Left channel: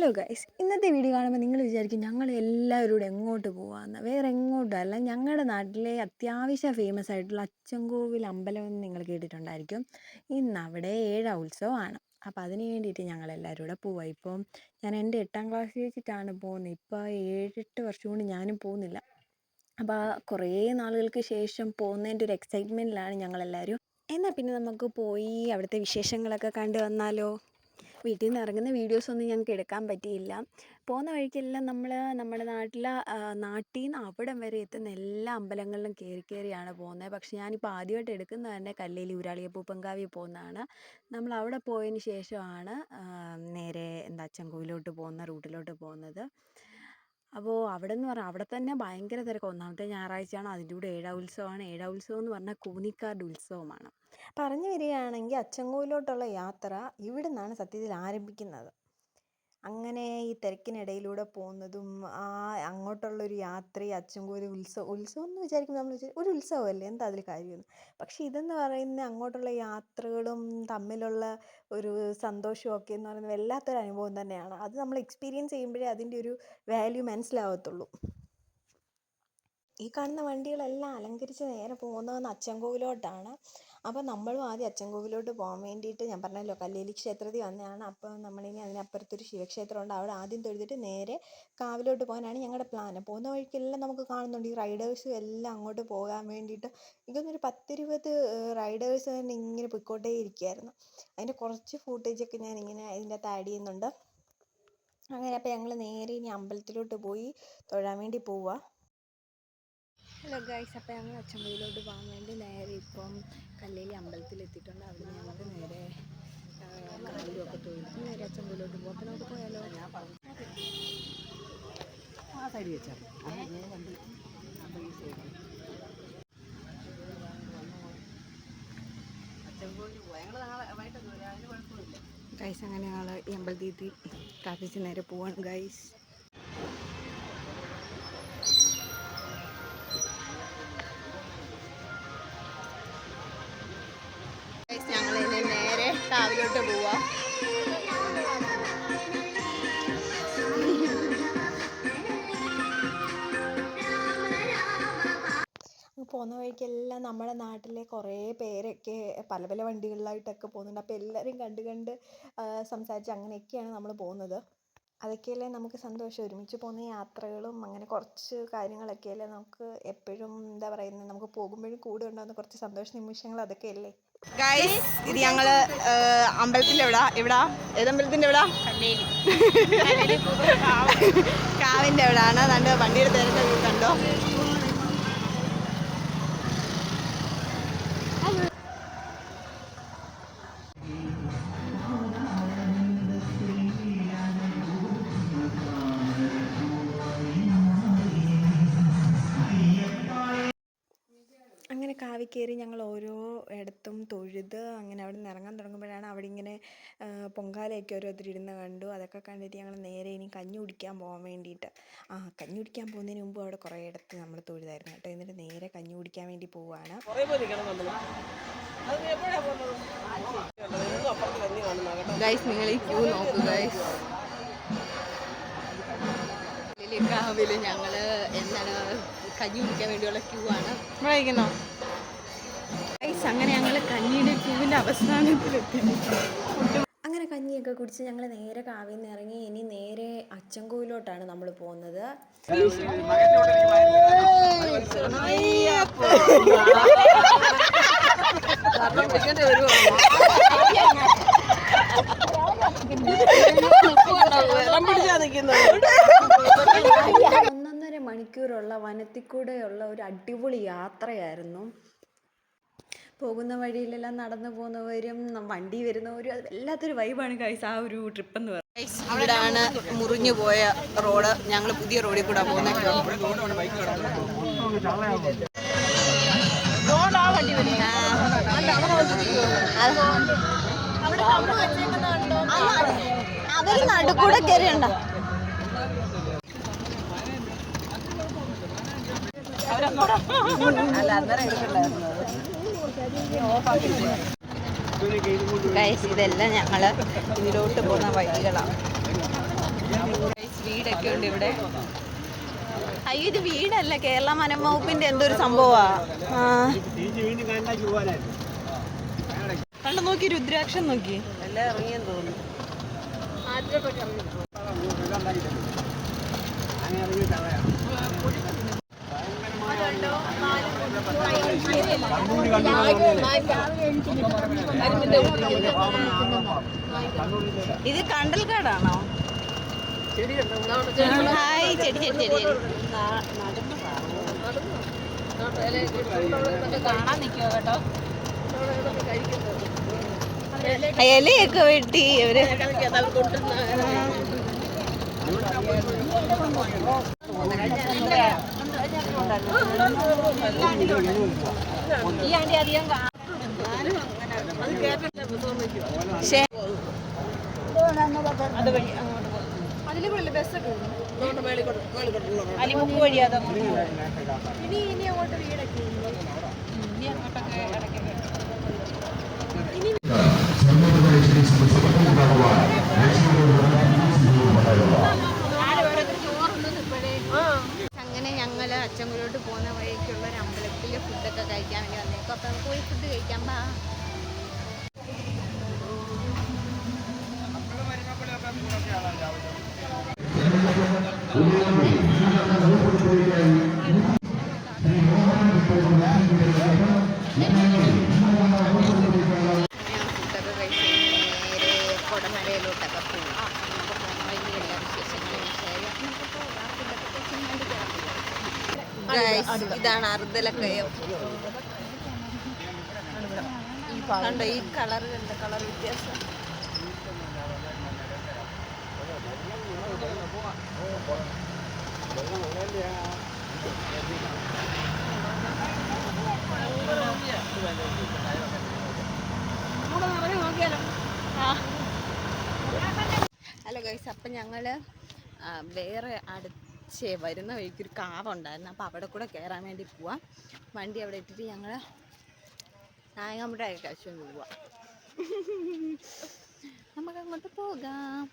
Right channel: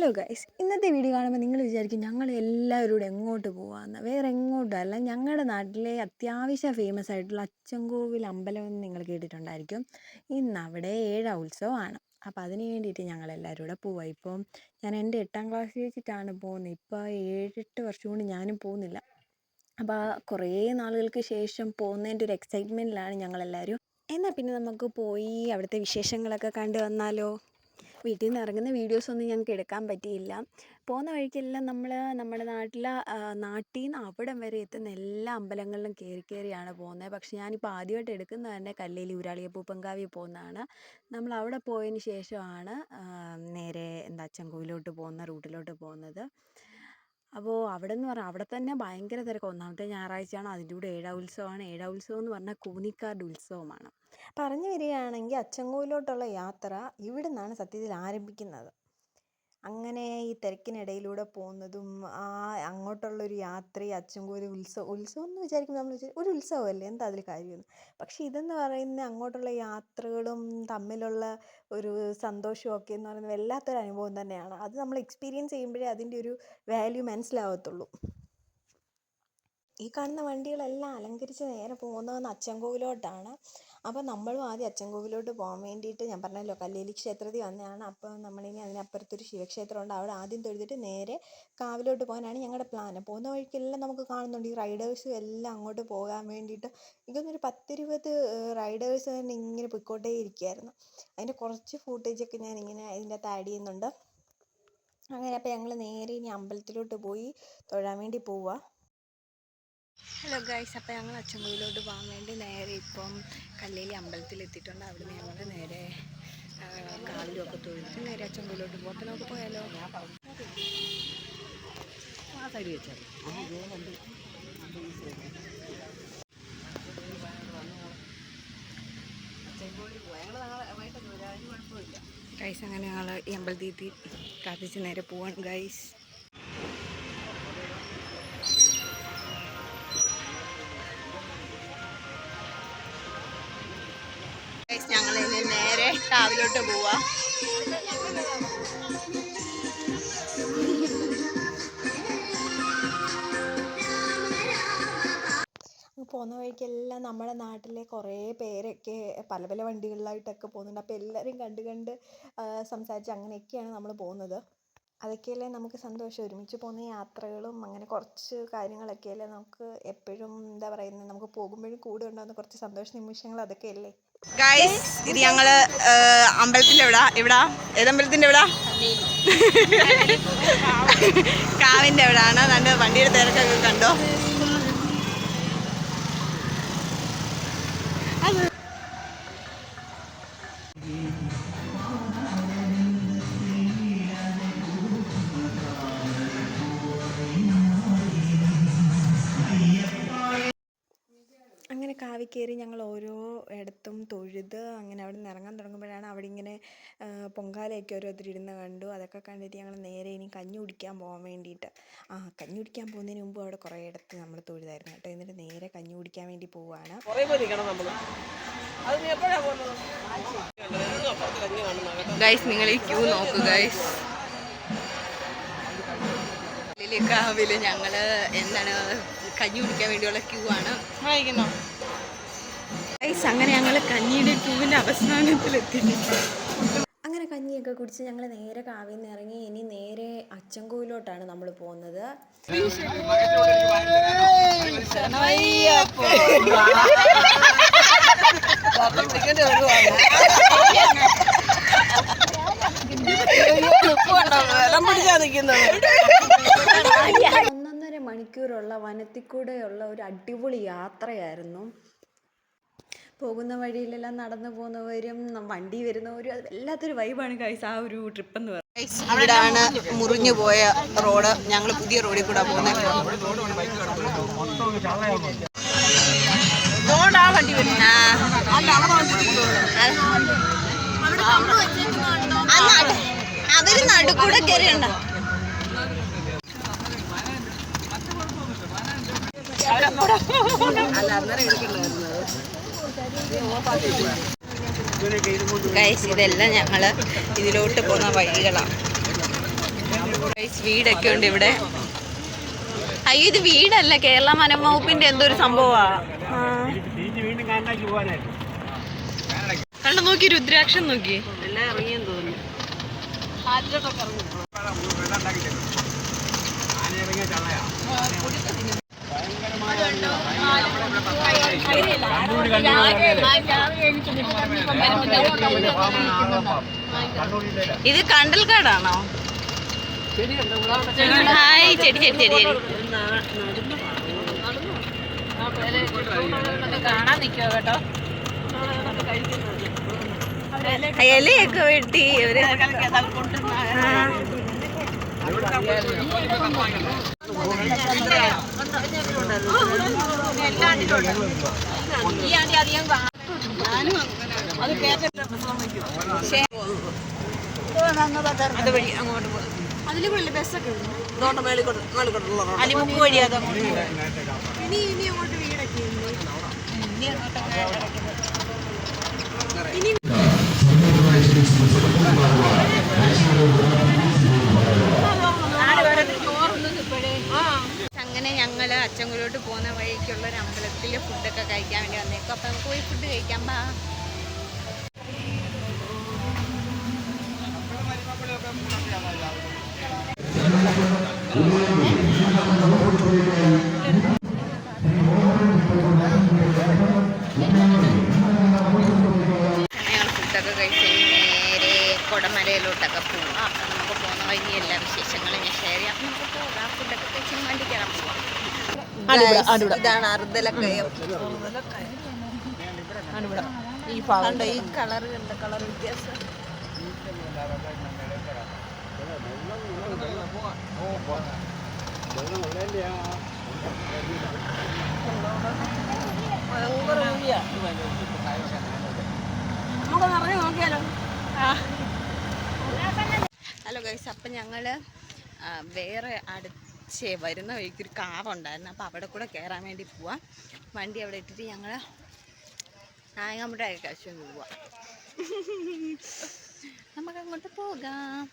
Hello guys, ഇന്നത്തെ video കാണുമ്പോൾ നിങ്ങൾ വിചാരിക്കും ഞങ്ങൾ എല്ലാവരും കൂടെ എങ്ങോട്ട് പോകാമെന്ന്. വേറെ എങ്ങോട്ടും അല്ല, ഞങ്ങളുടെ നാട്ടിലെ അത്യാവശ്യം ഫേമസ് ആയിട്ടുള്ള അച്ചൻകോവിൽ അമ്പലം എന്ന് നിങ്ങൾ കേട്ടിട്ടുണ്ടായിരിക്കും. ഇന്ന് അവിടെ ഉത്സവമാണ്. അപ്പോൾ അതിന് വേണ്ടിയിട്ട് ഞങ്ങളെല്ലാവരും കൂടെ പോവുക. ഇപ്പം ഞാൻ എൻ്റെ 8ാം ക്ലാസ്സിൽ വെച്ചിട്ടാണ് പോകുന്നത്. ഇപ്പോൾ 7-8 വർഷം കൊണ്ട് ഞാനും പോകുന്നില്ല. അപ്പോൾ കുറേ നാളുകൾക്ക് ശേഷം പോകുന്നതിൻ്റെ ഒരു എക്സൈറ്റ്മെൻറ്റിലാണ് ഞങ്ങളെല്ലാവരും. എന്നാൽ പിന്നെ നമുക്ക് പോയി അവിടുത്തെ വിശേഷങ്ങളൊക്കെ കണ്ടു വന്നാലോ. വീട്ടിൽ നിന്ന് ഇറങ്ങുന്ന വീഡിയോസൊന്നും ഞങ്ങൾക്ക് എടുക്കാൻ പറ്റിയില്ല. പോകുന്ന വഴിക്കെല്ലാം നമ്മൾ നമ്മുടെ നാട്ടിൽ നിന്ന് അവിടം വരെ എത്തുന്ന എല്ലാ അമ്പലങ്ങളിലും കയറിയാണ് പോകുന്നത്. പക്ഷേ ഞാനിപ്പോൾ ആദ്യമായിട്ട് എടുക്കുന്നത് തന്നെ കല്ലേലി ഊരാളിയപ്പൂപ്പൻകാവിൽ പോകുന്നതാണ്. നമ്മൾ അവിടെ പോയതിന് ശേഷമാണ് നേരെ അച്ചൻകോവിലോട്ട് പോകുന്ന റൂട്ടിലോട്ട് പോകുന്നത്. അപ്പോൾ അവിടെ എന്ന് പറഞ്ഞാൽ അവിടെ തന്നെ ഭയങ്കര തിരക്ക്. ഒന്നാമത്തെ ഞായറാഴ്ചയാണ്, അതിൻ്റെ കൂടെ ഉത്സവമാണ്. ഉത്സവം എന്ന് പറഞ്ഞാൽ കൂനിക്കാരുടെ ഉത്സവമാണ്. പറഞ്ഞു വരികയാണെങ്കിൽ അച്ചൻകോവിലോട്ടുള്ള യാത്ര ഇവിടെ നിന്നാണ് സത്യത്തിൽ ആരംഭിക്കുന്നത്. അങ്ങനെ ഈ തിരക്കിനിടയിലൂടെ പോകുന്നതും അങ്ങോട്ടുള്ളൊരു യാത്ര, അച്ചൻകോവിൽ ഉത്സവം എന്ന് വിചാരിക്കുമ്പോൾ നമ്മൾ ഒരു ഉത്സവമല്ലേ, എന്താ അതിൽ കാര്യമെന്ന്. പക്ഷേ ഇതെന്ന് പറയുന്ന അങ്ങോട്ടുള്ള യാത്രകളും തമ്മിലുള്ള ഒരു സന്തോഷമൊക്കെ എന്ന് പറയുന്നത് വല്ലാത്തൊരു അനുഭവം തന്നെയാണ്. അത് നമ്മൾ എക്സ്പീരിയൻസ് ചെയ്യുമ്പോഴേ അതിൻ്റെ ഒരു വാല്യൂ മനസ്സിലാവത്തുള്ളൂ. ഈ കാണുന്ന വണ്ടികളെല്ലാം അലങ്കരിച്ച് നേരെ പോകുന്നതെന്ന് അച്ചൻകോവിലോട്ടാണ്. അപ്പോൾ നമ്മളും ആദ്യം അച്ചൻകോവിലോട്ട് പോകാൻ വേണ്ടിയിട്ട്, ഞാൻ പറഞ്ഞല്ലോ കല്ലേലി ക്ഷേത്രത്തിൽ വന്നതാണ്. അപ്പോൾ നമ്മളിനി അതിനപ്പുറത്തൊരു ശിവക്ഷേത്രമുണ്ട്, അവിടെ ആദ്യം തൊഴുതിട്ട് നേരെ കാവിലോട്ട് പോകാനാണ് ഞങ്ങളുടെ പ്ലാൻ. പോകുന്ന വഴിക്കെല്ലാം നമുക്ക് കാണുന്നുണ്ട് ഈ റൈഡേഴ്സും എല്ലാം അങ്ങോട്ട് പോകാൻ വേണ്ടിയിട്ട്. ഇതൊന്നൊരു 10-20 റൈഡേഴ്സ് തന്നെ ഇങ്ങനെ പൊയ്ക്കോട്ടേ ഇരിക്കുകയായിരുന്നു. അതിൻ്റെ കുറച്ച് ഫൂട്ടേജൊക്കെ ഞാനിങ്ങനെ ഇതിൻ്റെ അകത്ത് ആഡ് ചെയ്യുന്നുണ്ട്. അങ്ങനെ അപ്പോൾ ഞങ്ങൾ നേരെ ഇനി അമ്പലത്തിലോട്ട് പോയി തൊഴാൻ വേണ്ടി പോവുക. ഹലോ ഗൈസ്, അപ്പോൾ ഞങ്ങൾ അച്ചൻകോവിലോട്ട് പോകാൻ വേണ്ടി നേരെ ഇപ്പം കല്ലേലി അമ്പലത്തിലെത്തിയിട്ടുണ്ട്. അവിടുന്ന് ഞങ്ങൾ നേരെ കാവിലൊക്കെ തൊഴുതിട്ട് നേരെ അച്ചൻകോവിലോട്ട് പോകും. അപ്പോൾ നമുക്ക് പോയാലോ. ഗൈസ്, അങ്ങനെ ഞങ്ങൾ ഈ അമ്പലത്തിൽ പ്രാർത്ഥിച്ച് നേരെ പോവാണ് ഗൈസ്. ഞങ്ങളിനി നേരെ കാവിലോട്ട് പോവാ. പോകുന്ന വഴിക്കെല്ലാം നമ്മുടെ നാട്ടിലെ കുറേ പേരൊക്കെ പല പല വണ്ടികളിലായിട്ടൊക്കെ പോകുന്നുണ്ട്. അപ്പോൾ എല്ലാവരും കണ്ട് സംസാരിച്ച് അങ്ങനെയൊക്കെയാണ് നമ്മൾ പോകുന്നത്. അതൊക്കെയല്ലേ നമുക്ക് സന്തോഷം. ഒരുമിച്ച് പോകുന്ന യാത്രകളും അങ്ങനെ കുറച്ച് കാര്യങ്ങളൊക്കെയല്ലേ നമുക്ക് എപ്പോഴും എന്താ പറയുന്നത്, നമുക്ക് പോകുമ്പോഴും കൂടെ ഉണ്ടാകുന്ന കുറച്ച് സന്തോഷ നിമിഷങ്ങൾ അതൊക്കെയല്ലേ ഗൈസ്. ഇത് ഞങ്ങള് അമ്പലത്തിന്റെ എവിടാ ഏതമ്പലത്തിന്റെ എവിടാ? കാവിന്റെ എവിടാണ്. നല്ല വണ്ടിയുടെ തിരക്കൊക്കെ കണ്ടോ. അങ്ങനെ കാവിൽ കയറി ഞങ്ങൾ ഓരോ ഇടത്തും തൊഴുത് അങ്ങനെ അവിടെ നിന്ന് ഇറങ്ങാൻ തുടങ്ങുമ്പോഴാണ് അവിടെ ഇങ്ങനെ പൊങ്കാലയൊക്കെ ഓരോരുത്തരിടുന്ന കണ്ടു. അതൊക്കെ കണ്ടിട്ട് ഞങ്ങൾ നേരെ ഇനി കഞ്ഞി കുടിക്കാൻ പോകാൻ വേണ്ടിയിട്ട്. കഞ്ഞി കുടിക്കാൻ പോകുന്നതിന് മുമ്പ് അവിടെ കുറേ ഇടത്ത് നമ്മൾ തൊഴുതായിരുന്നു കേട്ടോ. എന്നിട്ട് നേരെ കഞ്ഞി കുടിക്കാൻ വേണ്ടി പോവുകയാണ്. ഗൈസ്, നിങ്ങൾ ഈ ക്യൂ നോക്കൂ ഗൈസ്. കാവിൽ ഞങ്ങൾ കഞ്ഞി കുടിക്കാൻ വേണ്ടിയുള്ള ക്യൂ ആണ്. അങ്ങനെ ഞങ്ങൾ കഞ്ഞിയുടെ ക്യൂവിൻ്റെ അവസാനത്തിലെത്തിയിട്ടുണ്ട്. അങ്ങനെ കഞ്ഞിയൊക്കെ കുടിച്ച് ഞങ്ങൾ നേരെ കാവിൽ നിന്ന് ഇറങ്ങി ഇനി നേരെ അച്ചൻകോവിലോട്ടാണ് നമ്മൾ പോകുന്നത്. ഒന്നൊന്നര മണിക്കൂറുള്ള വനത്തിൽ കൂടെയുള്ള ഒരു അടിപൊളി യാത്രയായിരുന്നു. പോകുന്ന വഴിയിലെല്ലാം നടന്നു പോകുന്നവരും വണ്ടി വരുന്നവരും അത് വല്ലാത്തൊരു വൈബാണ് ഗൈസ് ആ ഒരു ട്രിപ്പ് എന്ന് പറയുന്നത്. ഇവിടാണ് മുറിഞ്ഞു പോയ റോഡ്. ഞങ്ങൾ പുതിയ റോഡിൽ കൂടെ പോകുന്നത്. അവര് നടുക്കൂടെ കയറിയുണ്ട. ഗൈസ്, ഇതെല്ലാം ഞങ്ങൾ ഇതിലോട്ട് പോകുന്ന വഴികളാണ്. വീടൊക്കെ ഉണ്ട് ഇവിടെ. അയ്യോ ഇത് വീടല്ല, കേരള വനം വകുപ്പിന്റെ എന്തോ ഒരു സംഭവാ. കണ്ടു നോക്കി, രുദ്രാക്ഷം നോക്കി. ഇത് കണ്ടൽക്കാടാണോ? ഹായ്, ചെടി ചെടി ചെടി ചെടി ഇലയൊക്കെ വെട്ടി അവര്. അതില് ബസ്സൊക്കെ അലിമുക്ക് വഴിയാതോ. ഇനി അങ്ങോട്ട് വീടൊക്കെ അങ്ങനെ ഞങ്ങൾ അച്ചൻകോവിലോട്ട് പോകുന്ന വഴിക്കുള്ള ഒരു അമ്പലത്തിൽ ഫുഡൊക്കെ കഴിക്കാൻ വേണ്ടി വന്നേക്കും. അപ്പം നമുക്ക് പോയി ഫുഡ് കഴിക്കാം. ബാ. ഞങ്ങൾ ഫുഡൊക്കെ കഴിച്ച് നേരെ കൊടമലയിലോട്ടൊക്കെ പോവാം. അപ്പം നമുക്ക് പോകുന്ന വഴി എല്ലാ വിശേഷങ്ങളും ഞാൻ ഷെയർ ചെയ്യാം. അപ്പം നമുക്ക് പോകാം. ഫുഡൊക്കെ കഴിച്ച് വണ്ടി കയറാൻ പോവാം. ഇതാണ് അർദ്ധലക്കയം. കണ്ടോ ഈ കളർ, കണ്ട കളർ വ്യത്യാസം. ഹലോ ഗൈസ്, അപ്പം ഞങ്ങൾ വേറെ വരുന്ന വഴിക്കൊരു കാവുണ്ടായിരുന്നു. അപ്പോൾ അവിടെ കൂടെ കയറാൻ വേണ്ടി പോവാം. വണ്ടി അവിടെ ഇട്ടിട്ട് ഞങ്ങൾ നായകമ്പുഴ കഴിച്ചു പോവാം. നമുക്കങ്ങോട്ട് പോകാം.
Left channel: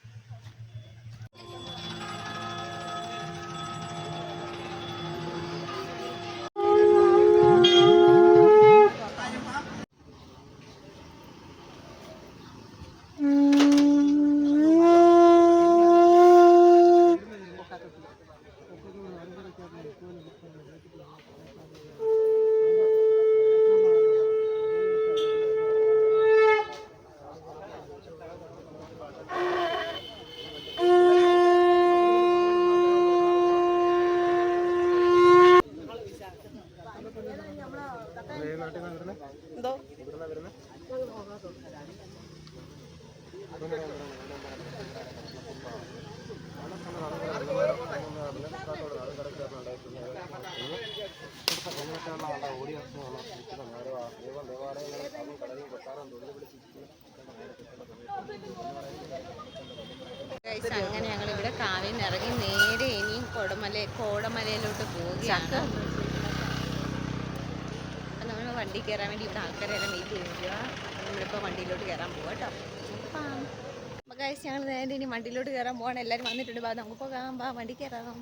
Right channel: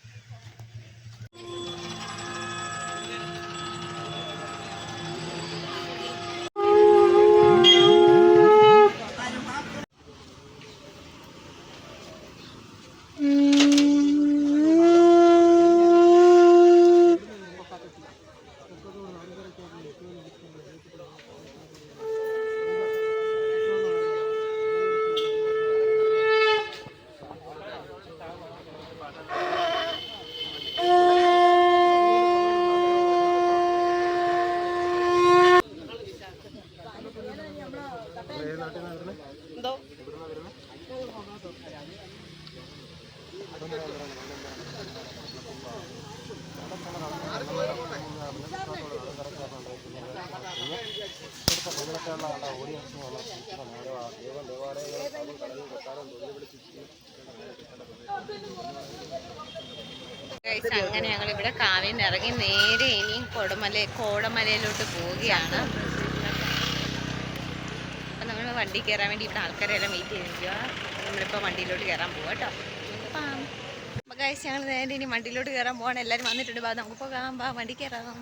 അങ്ങനെ ഞങ്ങൾ ഇവിടെ കാവിൽ നിന്ന് ഇറങ്ങി നേരെ ഇനിയും കോടമലയിലോട്ട് പോവുകയാണ്. അപ്പം നമ്മൾ വണ്ടി കയറാൻ വേണ്ടി ഇവിടെ ആൾക്കാരെല്ലാം വെയിറ്റ് ചെയ്തിരിക്കുക. അപ്പം നമ്മളിപ്പോൾ വണ്ടിയിലോട്ട് കയറാൻ പോവാം കേട്ടോ. അപ്പം ഗൈസ് ഞങ്ങൾ നേരെ ഇനി വണ്ടിയിലോട്ട് കയറാൻ പോവാണ്. എല്ലാവരും വന്നിട്ടുണ്ട്. നമുക്ക് പോകാം. വണ്ടി കയറാം.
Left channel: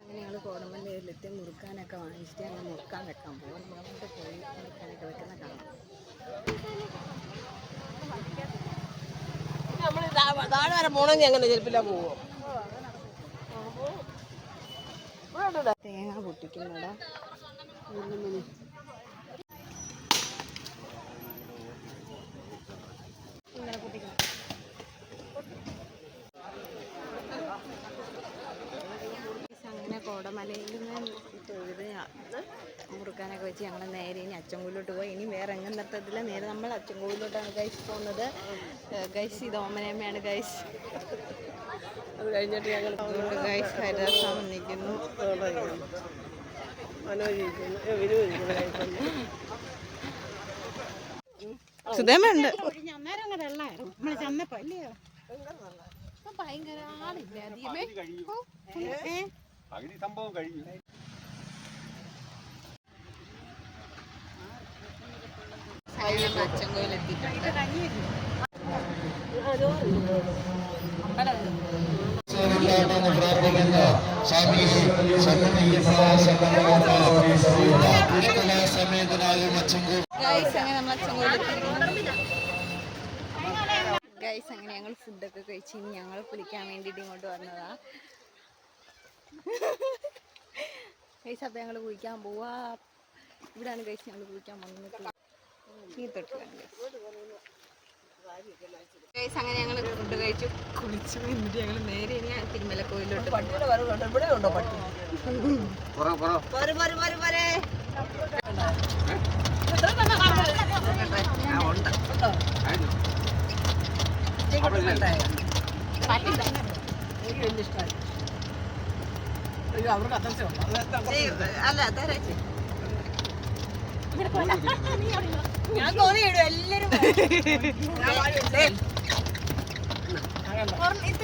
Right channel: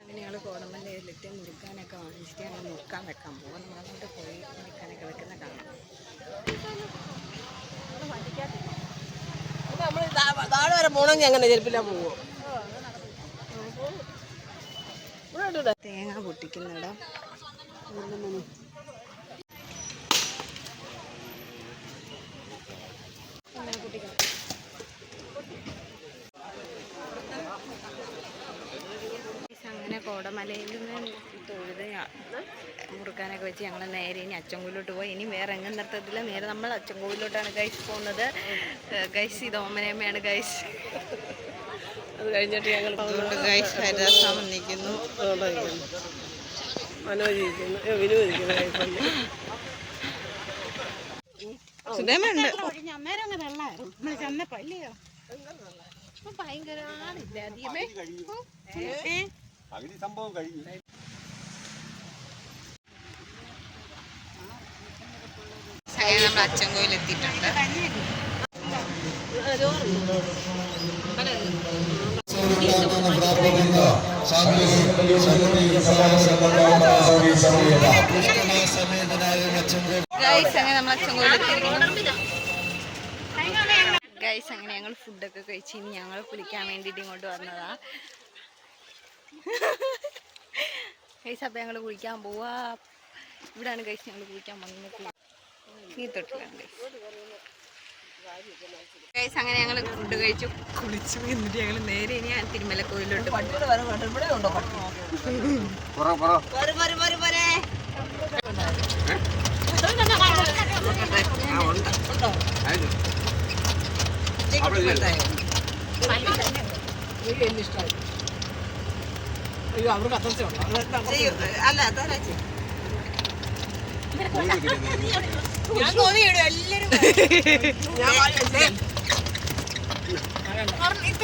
അങ്ങനെ ഞങ്ങൾ കോടമലയിലിട്ട് മുറുക്കാനൊക്കെ വാങ്ങിച്ചിട്ട് ഞങ്ങൾ മുറുക്കാൻ വെക്കാൻ പോവാം. നമ്മളങ്ങോട്ട് പോയി മുറുക്കാനൊക്കെ വെക്കുന്ന കാണാം. താഴെ വരെ പോണെങ്കിൽ അങ്ങനെ ചെരുപ്പില്ല പോവോ? തേങ്ങ പൊട്ടിക്കുന്നിടം. അങ്ങനെ കോടമലയിൽ നിന്ന് തൊഴുത് മുറുക്കാനൊക്കെ വെച്ച് ഞങ്ങൾ നേരെ ഇനി അച്ചൻകോവിലോട്ട് പോയി. ഇനി വേറെ എങ്ങും നിർത്തത്തില്ല. നേരെ നമ്മൾ അച്ചൻകോവിലോട്ടാണ് ഗൈസ് പോകുന്നത്. ഗൈസ് ഇത് ഓമനയമ്മയാണ് ഗൈസ്. അത് കഴിഞ്ഞിട്ട് ഞങ്ങൾ അതുകൊണ്ട് ഗൈസ് ഹരിദാസം വന്നിരിക്കുന്നു. സുധേമുണ്ട്. സംഭവം കഴിഞ്ഞു. നമ്മൾ അച്ചൻകോവിൽ എത്തിയിട്ടുണ്ട്. ഗൈസ് അങ്ങനെ നമ്മൾ അച്ചൻകോവിലെത്തിയിരിക്കുന്നു. ഗൈസ് അങ്ങനെ ഞങ്ങൾ ഫുഡൊക്കെ കഴിച്ച് ഇനി ഞങ്ങൾ കുളിക്കാൻ വേണ്ടിയിട്ട് ഇങ്ങോട്ട് വന്നതാ. ഗൈസ് അപ്പം ഞങ്ങൾ കുളിക്കാൻ പോവാ. ഇവിടെയാണ് ഗൈസ് ഞങ്ങൾ കുളിക്കാൻ വന്നത്. ഈ തൊട്ടിലാണ് ഗൈസ്. അങ്ങനെ ഞങ്ങൾ ഫുഡ് കഴിച്ചു കുളിച്ചു. എന്നിട്ട് ഞങ്ങൾ നേരെ ഇനി തിരുമലക്കോവിലോട്ട്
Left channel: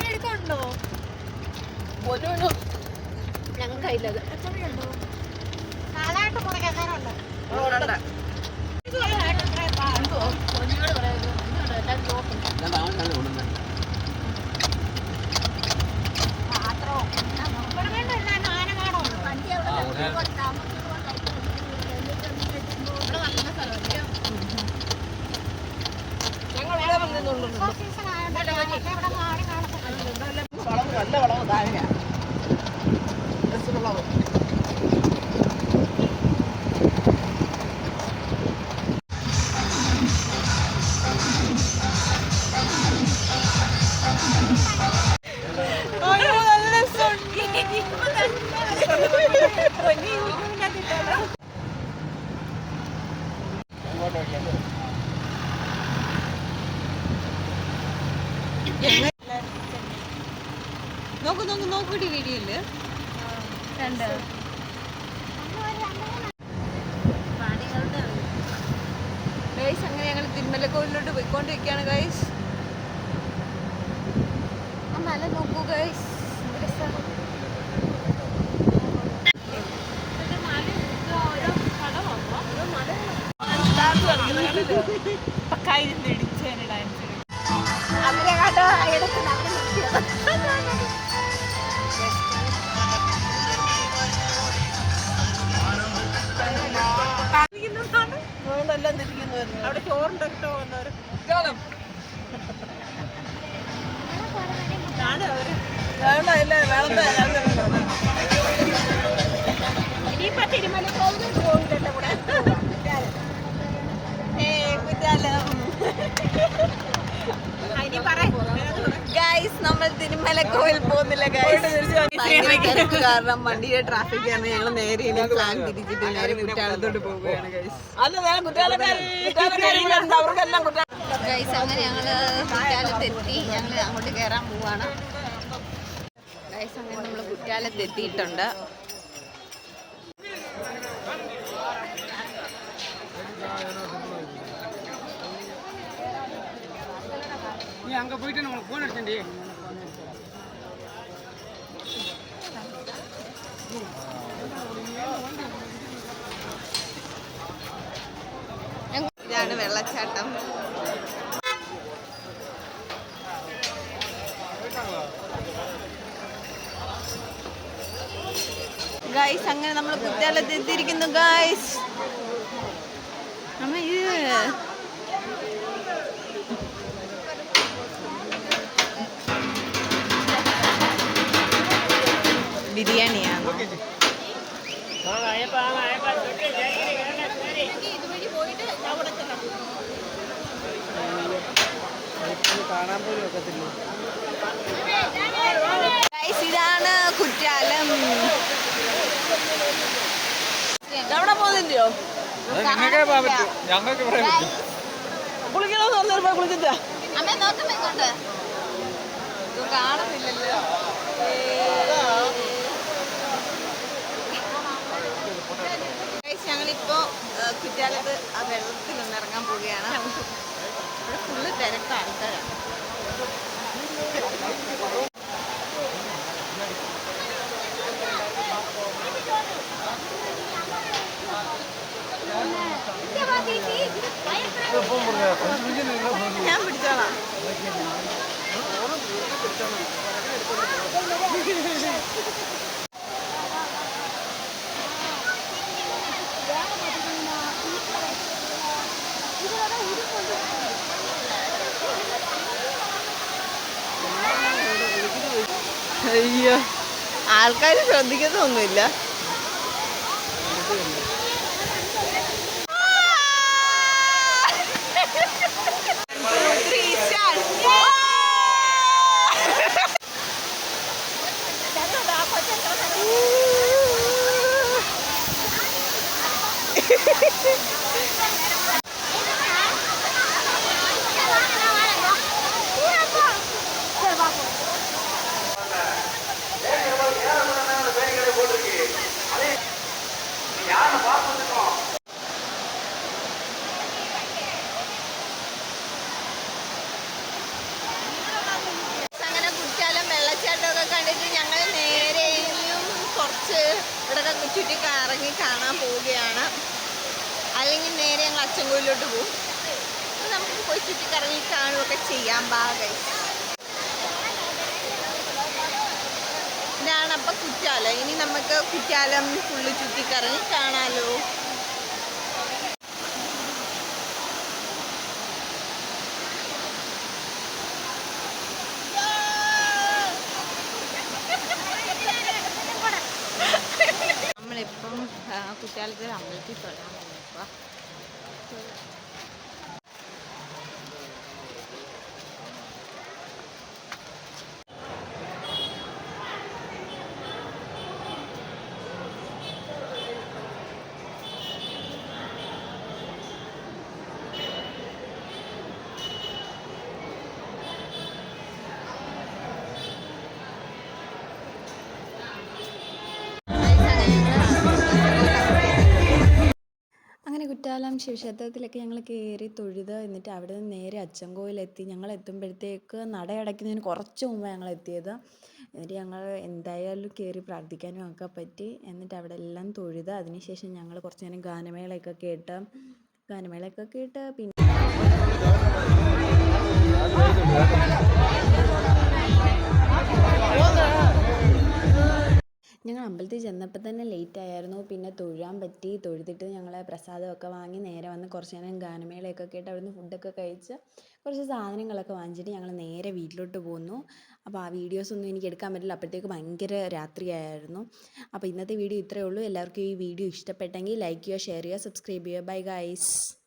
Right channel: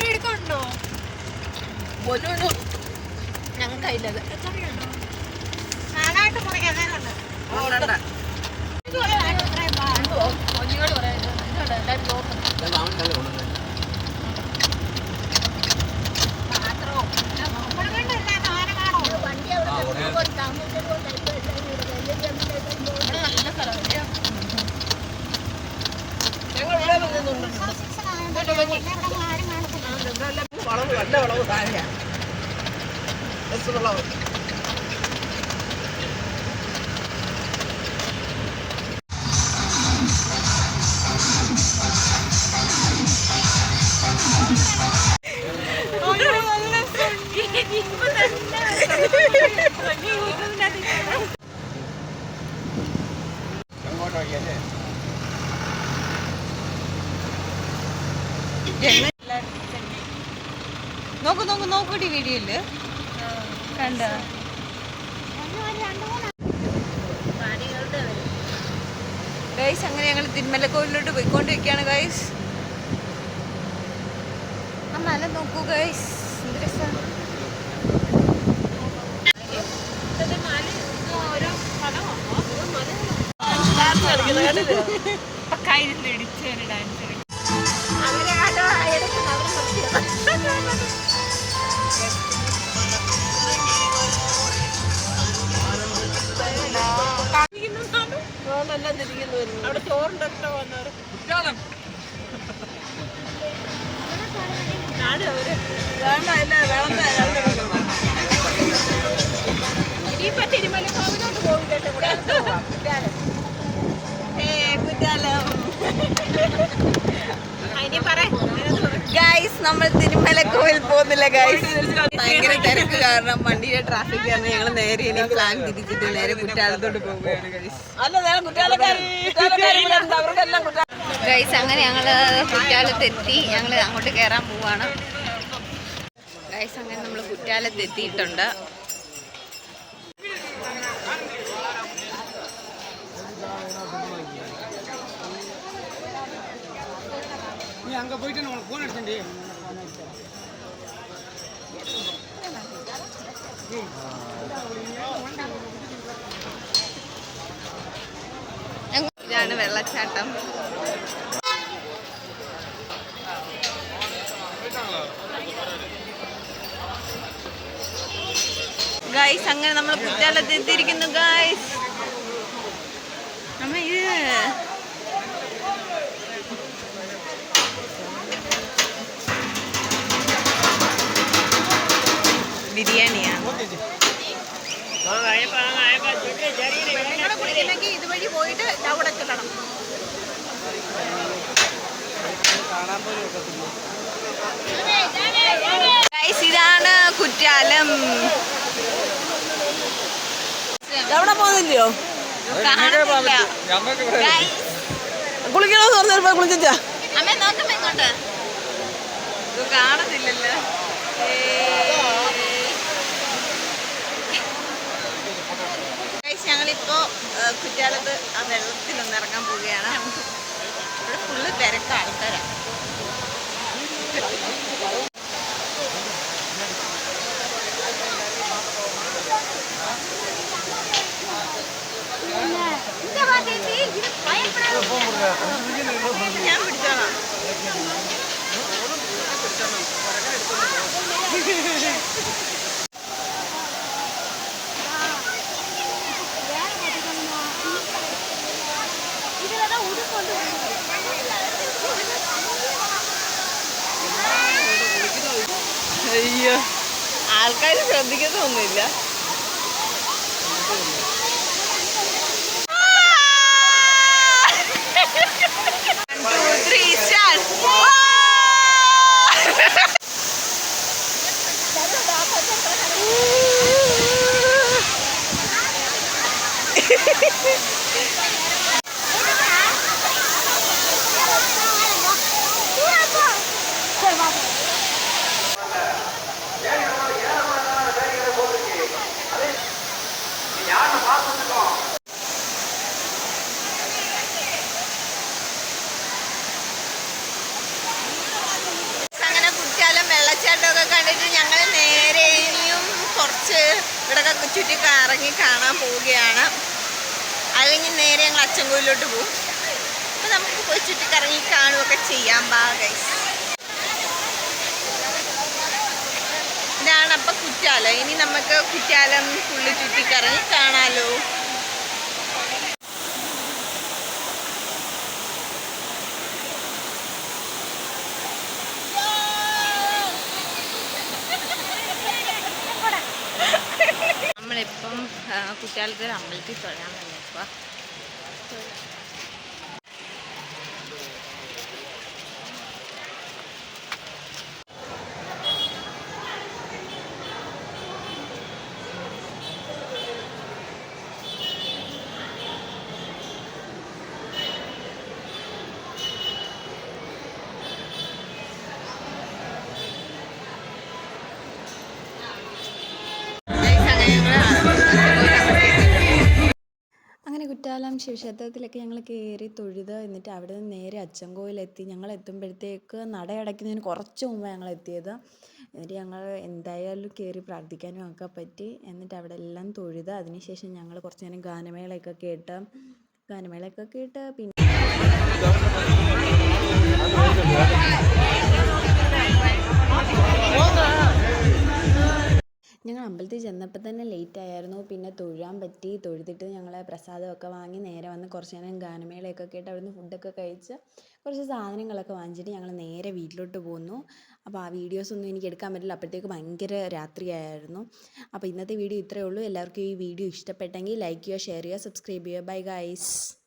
എടുക്കണ്ടോ ഞങ്ങൾ കയ്യിലത് നാളായിട്ട് മുറിക്കാറുണ്ട്. നല്ല വളവ് താഴെയാ. നോക്കൂ നോക്കൂ നോക്കൂടി വീഡിയോയില് കണ്ട ഗൈസ്. അങ്ങനെ ഞങ്ങൾ തിരുമലക്കോവിലോട്ട് പോയിക്കൊണ്ടിരിക്കുകയാണ് ഗൈസ്. ആ മല നോക്കൂ ഗൈസ്, എന്ത് രസമാണ്. അവിടെ ചോറിന്റെ ഇഷ്ടം വന്നവര് തിരുമലക്കോവിലോട്ട് പോകില്ല കൂടെ ഗൈസ് നമ്മൾ തിരുമലക്കോവിൽ പോകുന്നില്ല ഗൈസ്. ഭയങ്കര തിരക്ക് കാരണം വണ്ടിയുടെ ട്രാഫിക് കാരണം ഞങ്ങൾ നേരെ ഇനി പ്ലാൻ തിരിച്ചിട്ട് നേരെ കുറ്റാലത്തോട്ട് പോവുകയാണ് ഗൈസ്. ഗൈസ് അങ്ങനെ ഞങ്ങള് കുറ്റാലത്തെത്തി. ഞങ്ങൾ അങ്ങോട്ട് കയറാൻ പോവാണ് ഗൈസ്. അങ്ങനെ നമ്മൾ കുറ്റാലത്തെത്തിയിട്ടുണ്ട്. அங்க போயிட்டு நம்ம போன் அடிச்சேன்டி. ഇതാണ് വെള്ളച്ചാട്ടം. ഗൈസ് അങ്ങനെ നമ്മൾ കുറ്റാലത്ത് എത്തിയിരിക്കുന്നു ഗൈസ്. അമ്മ ഇത് ബിരിയാണിയാണ്. ഇതുവഴി പോയിട്ട് അവിടെ ചെല്ലണം. ഗൈസ് ഇതാണ് കുറ്റാലം. എവിടെ പോകുന്നില്ലയോ? കാണുന്നില്ല. കുളിക്കണമെന്ന് പറഞ്ഞപ്പോ കുളിച്ചാ അമ്മ നോക്കുമ്പോ ഇങ്ങോട്ട് കാണുന്നില്ലല്ലോ. ഞങ്ങളിപ്പോ കുറ്റാലത്ത് ആ വെള്ളത്തിലൊന്ന് ഇറങ്ങാൻ പോവുകയാണ്. ഇവിടെ ഫുള്ള് തിരക്ക് ആൾക്കാരാണ്. ഞാൻ പിടിച്ചോളാം. അയ്യോ, ആൾക്കാർ ശ്രദ്ധിക്കുന്നൊന്നുമില്ല. അങ്ങനെ കുറ്റാലം വെള്ളച്ചാട്ടമൊക്കെ കണ്ടിട്ട് ഞങ്ങൾ നേരെ ഇനിയും കുറച്ച് ഇവിടെയൊക്കെ ചുറ്റി കറങ്ങി കാണാൻ പോവുകയാണ്. അല്ലെങ്കിൽ നേരെ ഞങ്ങൾ അച്ചൻകോവിലോട്ട് പോകും. അപ്പം നമുക്ക് പോയി ചുറ്റി കറങ്ങി കാണുകയൊക്കെ ചെയ്യാം. ബാ ഗൈസ്, ഇതാണ് അപ്പം കുറ്റാലം. ഇനി നമുക്ക് കുറ്റാലം ഫുള്ള് ചുറ്റി കറങ്ങി കാണാലോ. നമ്മളിപ്പം കുറ്റാലത്തിൽ അമ്പലത്തിൽ തൊഴാൻ വന്നേക്കുക. അങ്ങനെ കുറ്റാലം ശിവക്ഷേത്രത്തിലൊക്കെ ഞങ്ങൾ കയറി തൊഴുത് എന്നിട്ട് അവിടെ നിന്ന് നേരെ അച്ചൻകോവിലെത്തി. ഞങ്ങൾ എത്തുമ്പോഴത്തേക്ക് നട അടയ്ക്കുന്നതിന് കുറച്ച് മുമ്പ് ഞങ്ങൾ എത്തിയത്. എന്നിട്ട് ഞങ്ങൾ എന്തായാലും കയറി പ്രാർത്ഥിക്കാനും ഒക്കെ പറ്റി. എന്നിട്ട് അവിടെ എല്ലാം തൊഴുത് അതിനുശേഷം ഞങ്ങൾ കുറച്ച് നേരം ഗാനമേളയൊക്കെ കേട്ട് പിന്നെ ഞങ്ങൾ അമ്പലത്തിൽ ചെന്നപ്പോൾ തന്നെ ലേറ്റ് ആയിരുന്നു. പിന്നെ തൊഴാൻ പറ്റി. തൊഴുതിട്ട് ഞങ്ങൾ പ്രസാദമൊക്കെ വാങ്ങി നേരെ വന്ന് കുറച്ച് നേരം ഗാനമേളയൊക്കെ കേട്ട് അവിടുന്ന് ഫുഡൊക്കെ കഴിച്ച് കുറച്ച് സാധനങ്ങളൊക്കെ വാങ്ങിച്ചിട്ട് ഞങ്ങൾ നേരെ വീട്ടിലോട്ട് പോന്നു. അപ്പോൾ ആ വീഡിയോസൊന്നും എനിക്ക് എടുക്കാൻ പറ്റില്ല, അപ്പോഴത്തേക്ക് ഭയങ്കര രാത്രിയായിരുന്നു. അപ്പോൾ ഇന്നത്തെ വീഡിയോ ഇത്രയേ ഉള്ളൂ. എല്ലാവർക്കും ഈ വീഡിയോ ഇഷ്ടപ്പെട്ടെങ്കിൽ ലൈക്ക് ചെയ്യുക, ഷെയർ ചെയ്യുക, സബ്സ്ക്രൈബ് ചെയ്യുക. Bye guys.